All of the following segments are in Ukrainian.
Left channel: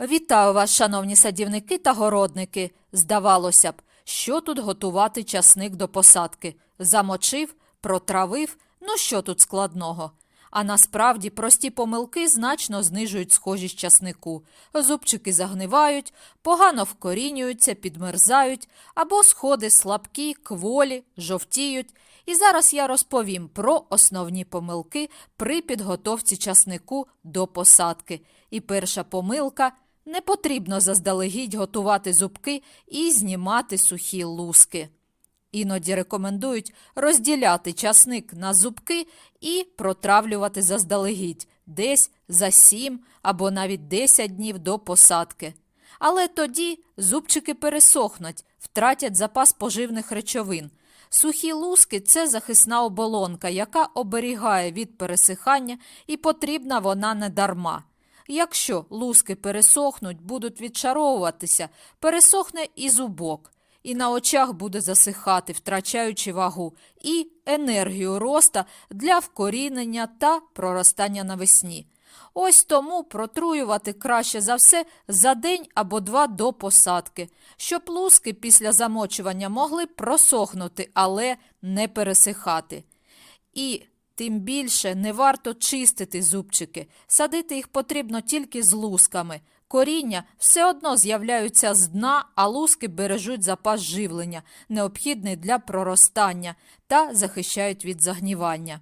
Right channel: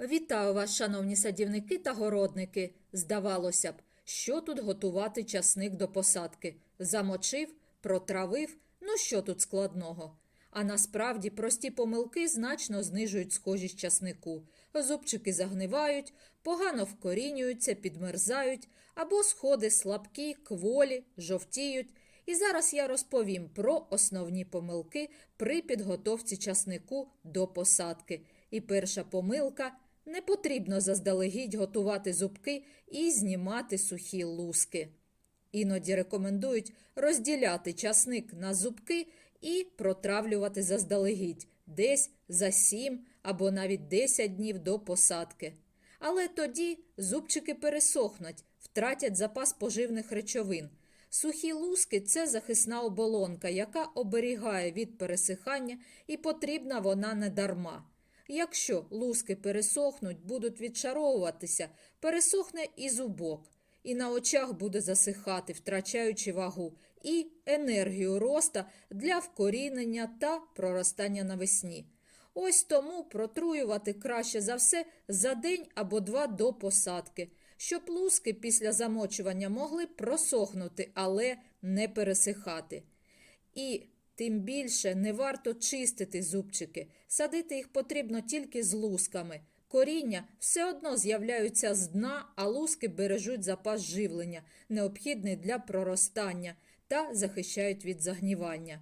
Вітаю вас, шановні садівники та городники. Здавалося б, що тут готувати часник до посадки? Замочив, протравив, ну що тут складного? А насправді прості помилки значно знижують схожість часнику. Зубчики загнивають, погано вкорінюються, підмерзають, або сходи слабкі, кволі, жовтіють. І зараз я розповім про основні помилки при підготовці часнику до посадки. І перша помилка не потрібно заздалегідь готувати зубки і знімати сухі луски. Іноді рекомендують розділяти часник на зубки і протравлювати заздалегідь десь за 7 або навіть 10 днів до посадки. Але тоді зубчики пересохнуть, втратять запас поживних речовин. Сухі луски це захисна оболонка, яка оберігає від пересихання, і потрібна вона не дарма. Якщо луски пересохнуть, будуть відшаровуватися, пересохне і зубок, і на очах буде засихати, втрачаючи вагу, і енергію роста для вкорінення та проростання навесні. Ось тому протруювати краще за все за день або два до посадки, щоб луски після замочування могли просохнути, але не пересихати. І тим більше не варто чистити зубчики, садити їх потрібно тільки з лусками. Коріння все одно з'являються з дна, а луски бережуть запас живлення, необхідний для проростання та захищають від загнівання.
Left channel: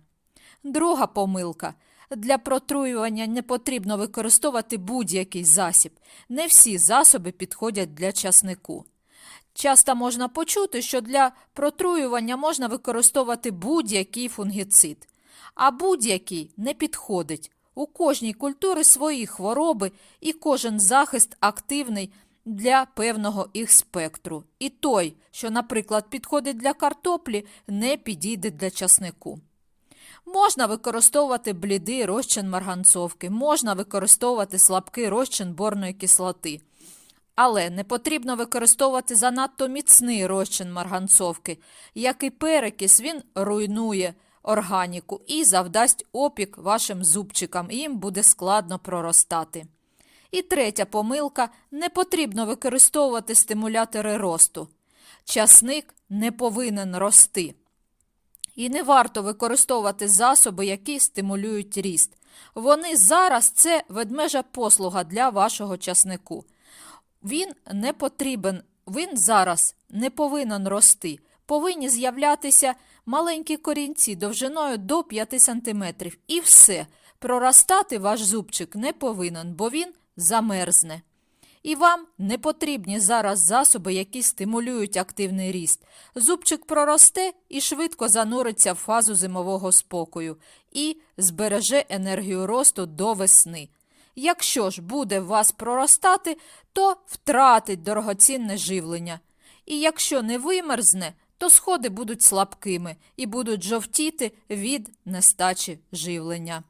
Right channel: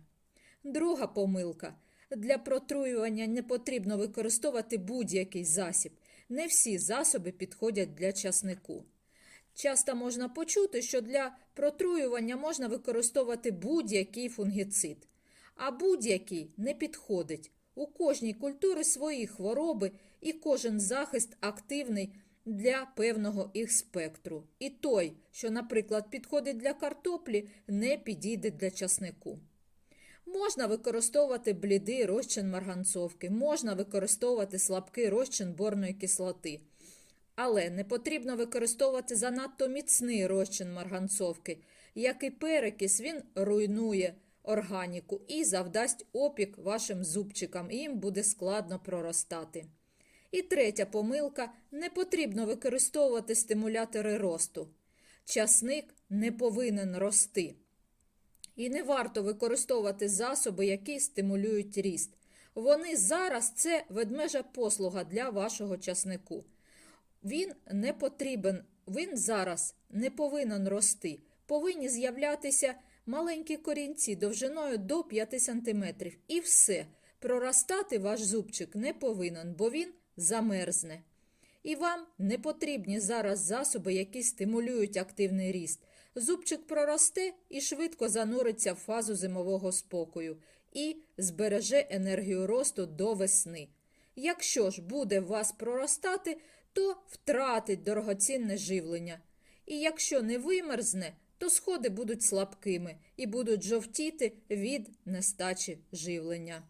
Друга помилка. Для протруювання не потрібно використовувати будь-який засіб. Не всі засоби підходять для часнику. Часто можна почути, що для протруювання можна використовувати будь-який фунгіцид, а будь-який не підходить. У кожній культури свої хвороби і кожен захист активний для певного їх спектру. І той, що, наприклад, підходить для картоплі, не підійде для часнику. Можна використовувати блідий розчин марганцовки, можна використовувати слабкий розчин борної кислоти. Але не потрібно використовувати занадто міцний розчин марганцовки. Як і перекис, він руйнує органіку і завдасть опік вашим зубчикам, і їм буде складно проростати. І третя помилка не потрібно використовувати стимулятори росту. Часник не повинен рости. І не варто використовувати засоби, які стимулюють ріст. Вони зараз це ведмежа послуга для вашого часнику. Він не потрібен, він зараз не повинен рости. Повинні з'являтися маленькі корінці довжиною до 5 см. І все. Проростати ваш зубчик не повинен, бо він замерзне. І вам не потрібні зараз засоби, які стимулюють активний ріст. Зубчик проросте і швидко зануриться в фазу зимового спокою і збереже енергію росту до весни. Якщо ж буде вас проростати, то втратить дорогоцінне живлення. І якщо не вимерзне, то сходи будуть слабкими і будуть жовтіти від нестачі живлення.